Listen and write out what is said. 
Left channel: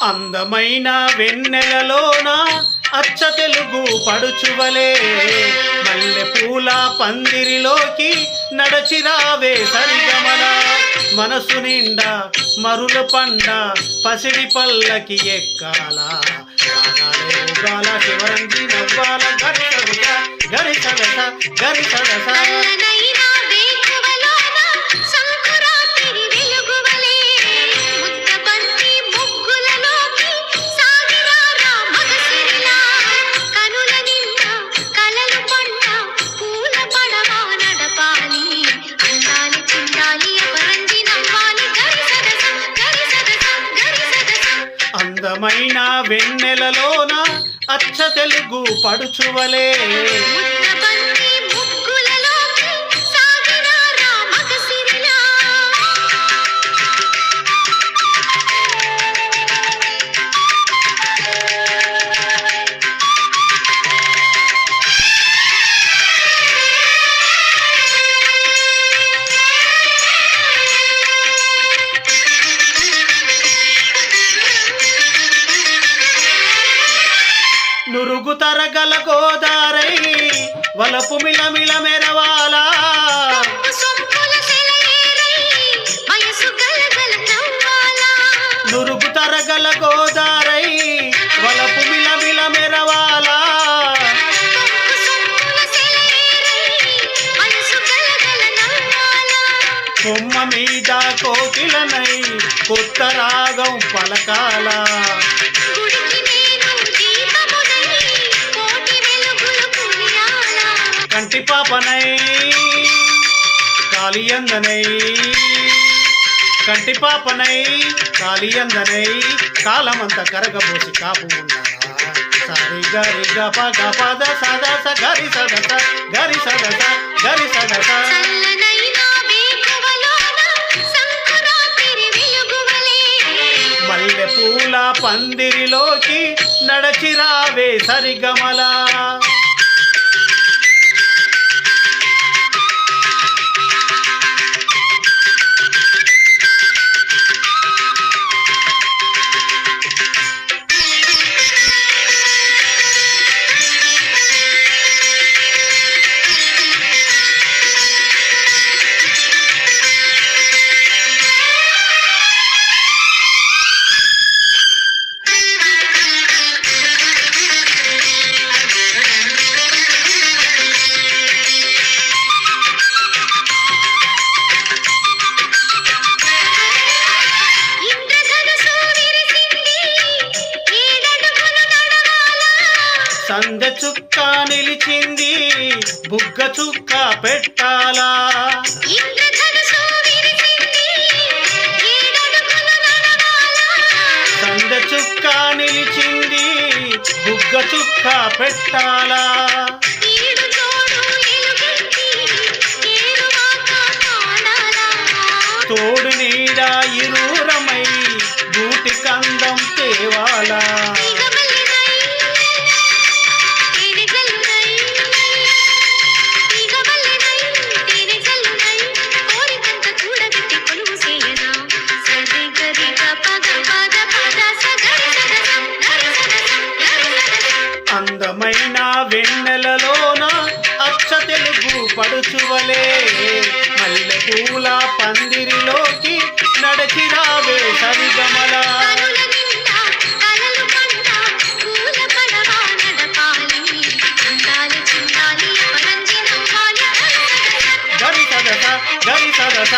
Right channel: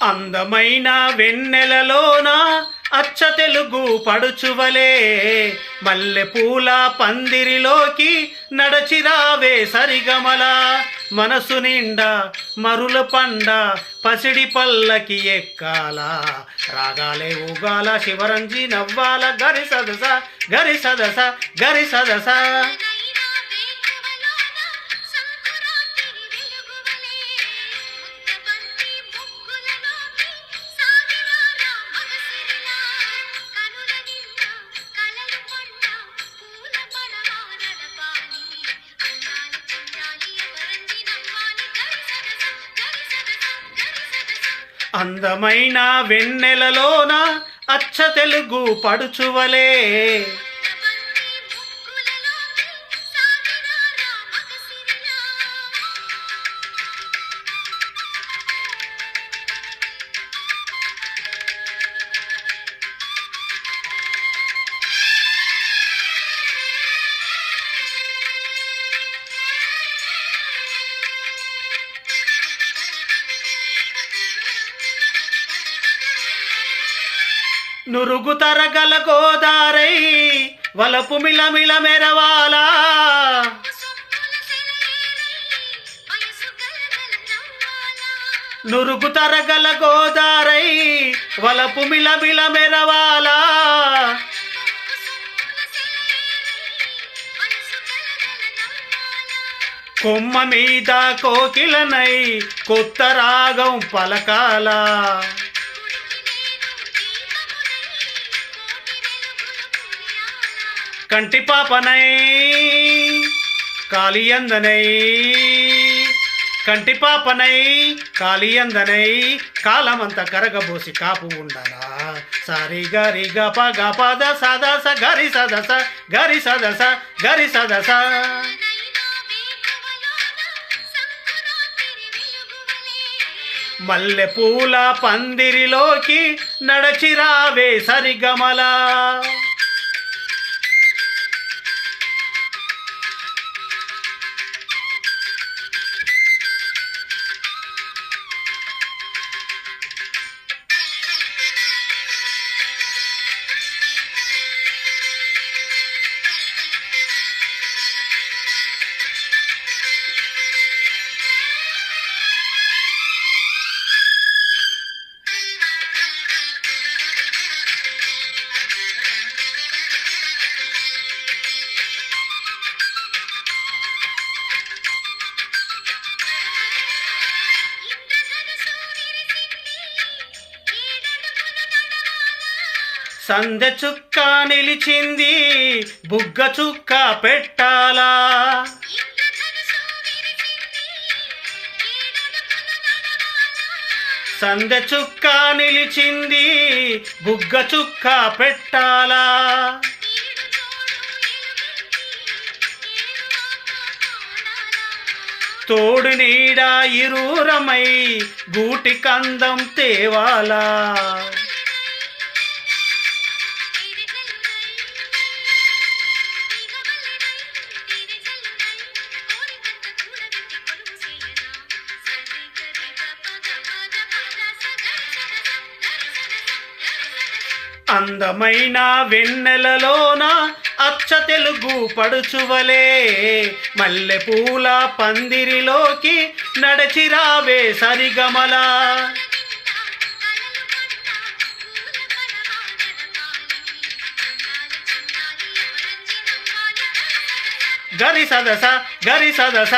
అందమైన వెన్నెలలోన అచ్చ తెలుగు పడుచువలే మల్లె పూల పందిరిలోకి నడచిరావే సరిగమల మనసు నిండా మరుల పండ పసిడి పల్లకి ఎక్కాల రాగాలే ఊగాల శివరంగి నవ్వాల గరి సదస గరి సదస గరి సదస అందమైన వెన్నెలలోన అచ్చ తెలుగు పడుచువలే నురుగు తరగల గోదారై వలపు మిలమిల మెరవాలా నురుగు తరగల గోదారై వలపు మిలమిల మెరవాలా కొమ్మ మీద కోకిలనై కొత్త రాగం పలకాల కంటి పాపనై కాళియందనై కంటి పాపనై కాళియందనై కాలమంత కరగబోసి కాపు ఉండరా సారి గరి గప గపద సదస గరి సదస గరి సదస గరి సదస మల్లె పూల పందిరిలోకి నడచిరావే సరిగమల సందె చుక్క నిలిచింది బుగ్గ చుక్క పెట్టాలా సందె చుక్క నిలిచింది బుగ్గ చుక్క పెట్టాలా తోడు నీడ ఇరూరమై గూటి కందం తేవాలా అందమైన వెన్నెలలోన అచ్చ తెలుగు పడుచువలే మల్లె పూల పందిరిలోకి నడచిరావే సరిగమల గరి సదస గరి సదస